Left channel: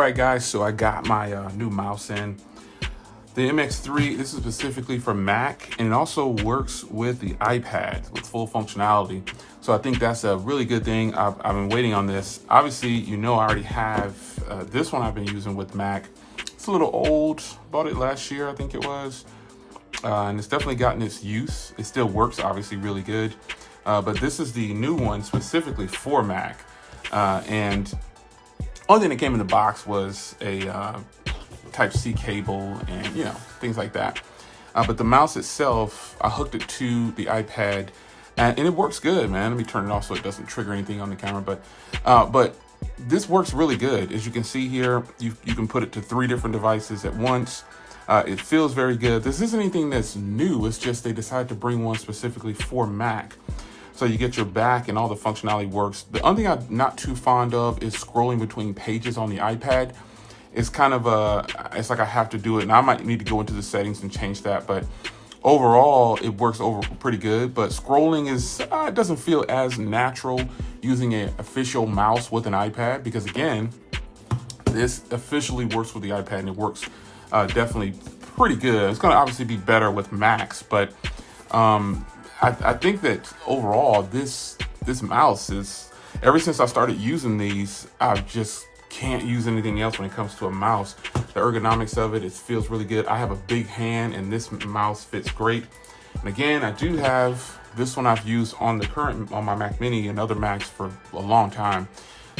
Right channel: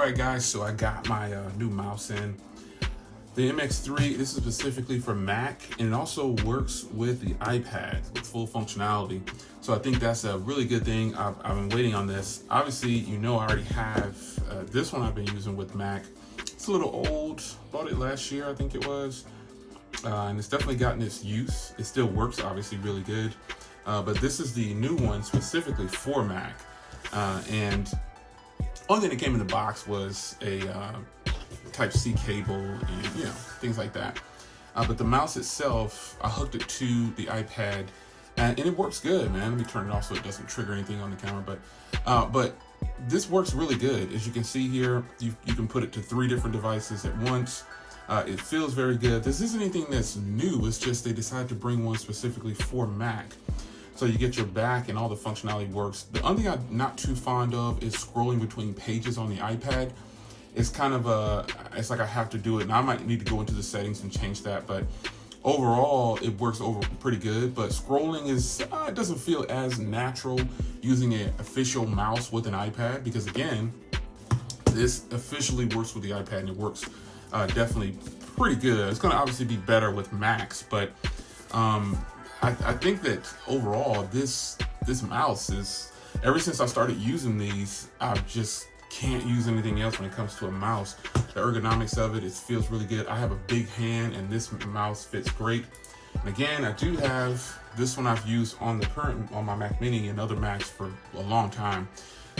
All right, guys, so I got my new mouse in. The MX3, this is specifically for Mac, and it also works with the iPad with full functionality. So I think that's a really good thing. I've been waiting on this. Obviously, you know I already have this one I've been using with Mac. It's a little old, bought it last year, I think it was. And it's definitely gotten its use. It still works, obviously, really good. But this is the new one specifically for Mac. And only thing that came in the box was a Type-C cable and, you know, things like that. But the mouse itself, I hooked it to the iPad and it works good, man. Let me turn it off so it doesn't trigger anything on the camera. But this works really good. As you can see here, you can put it to 3 different devices at once. It feels very good. This isn't anything that's new. It's just they decided to bring one specifically for Mac. So you get your back and all the functionality works. The only thing I'm not too fond of is scrolling between pages on the iPad. It's kind of it's like I have to do it, and I might need to go into the settings and change that, but overall it works pretty good. But scrolling is it doesn't feel as natural using an official mouse with an iPad, because again, this officially works with the iPad and it works definitely pretty good. It's going to obviously be better with Macs, but I think that overall this mouse is, ever since I started using these, I've just can't use anything else when it comes to a mouse. The ergonomics of it feels really good. I have a big hand and this mouse fits great. And again, I do have this one I've used on my Mac Mini and other Macs for a long time.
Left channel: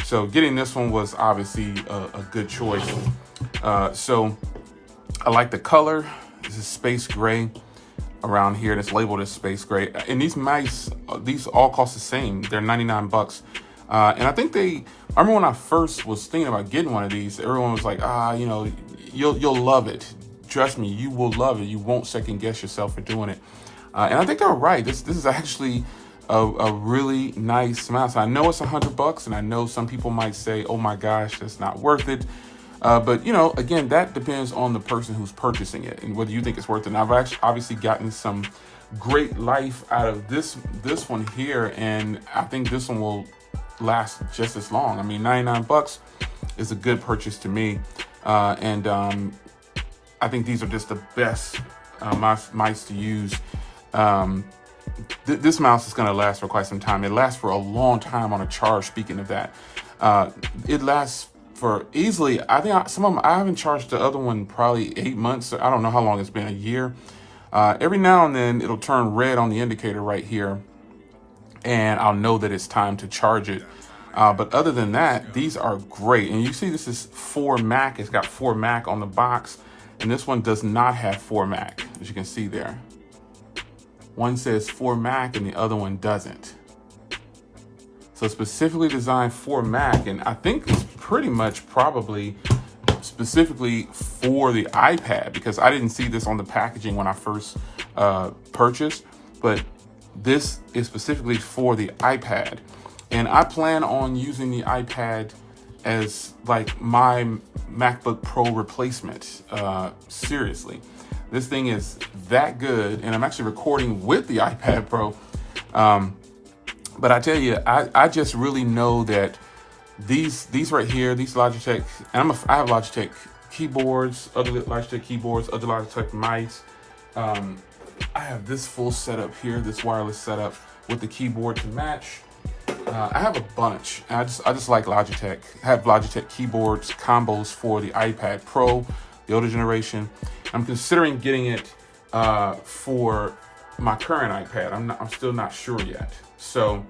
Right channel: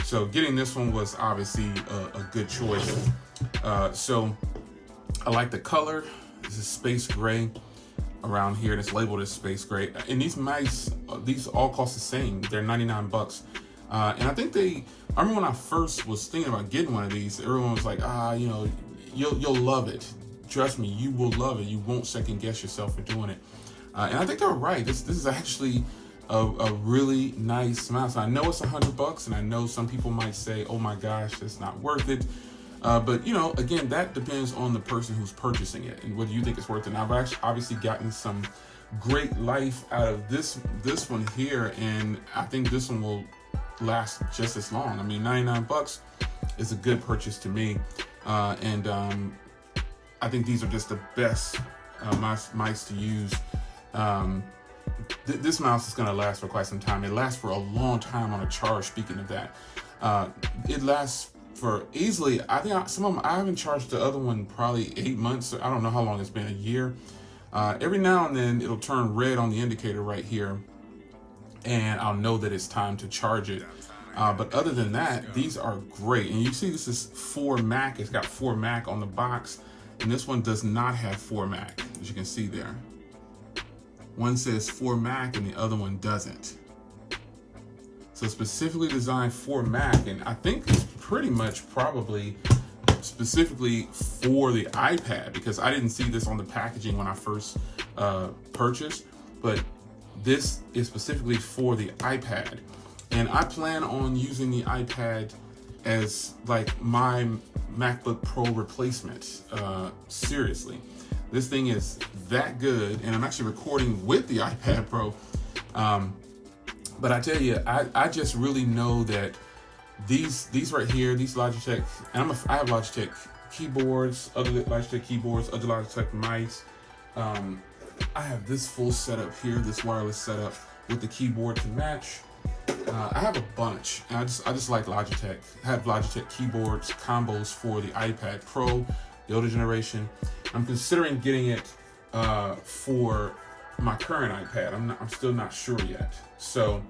So getting this one was obviously a good choice. So I like the color. This is space gray around here. It's labeled as space gray. And these mice, these all cost the same. They're 99 bucks. And I think I remember when I first was thinking about getting one of these, everyone was like, you know, you'll love it. Trust me, you will love it. You won't second guess yourself for doing it. And I think they're right. This is actually a really nice mouse. I know it's $100, and I know some people might say, oh my gosh, that's not worth it. But you know, again, that depends on the person who's purchasing it and whether you think it's worth it. And I've actually obviously gotten some great life out of this one here, and I think this one will last just as long. I mean, 99 bucks is a good purchase to me. And I think these are just the best mice to use. This mouse is going to last for quite some time. It lasts for a long time on a charge. Speaking of that, it lasts for easily, I think some of them, I haven't charged the other one probably 8 months. I don't know how long it's been, a year. Every now and then it'll turn red on the indicator right here, and I'll know that it's time to charge it. But other than that, these are great. And you see this is for Mac. It's got for Mac on the box, and this one does not have for Mac, as you can see there. One says for Mac and the other one doesn't. So specifically designed for Mac, and I think it's pretty much probably specifically for the iPad, because I didn't see this on the packaging when I first purchased, but this is specifically for the iPad. And I plan on using the iPad as like my MacBook Pro replacement. Seriously, this thing is that good, and I'm actually recording with the iPad Pro. But I tell you, I just really know that these right here, these Logitech, and I have Logitech keyboards, other Logitech keyboards, other Logitech mice. I have this full setup here, this wireless setup with the keyboard to match. I have a bunch. And I just like Logitech. I have Logitech keyboards combos for the iPad Pro, the older generation. I'm considering getting it for my current iPad. I'm still not sure yet. So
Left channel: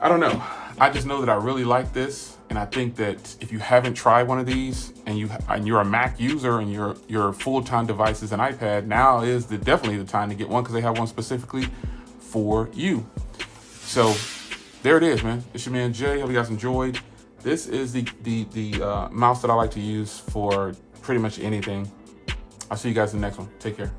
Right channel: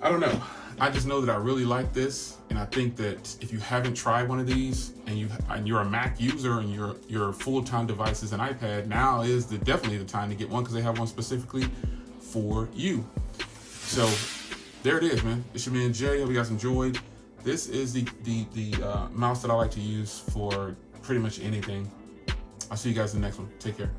I don't know. I just know that I really like this, and I think that if you haven't tried one of these and you're a Mac user and your full-time device is an iPad, now is definitely the time to get one, because they have one specifically for you. So there it is, man. It's your man Jay. Hope you guys enjoyed. This is the mouse that I like to use for pretty much anything. I'll see you guys in the next one. Take care.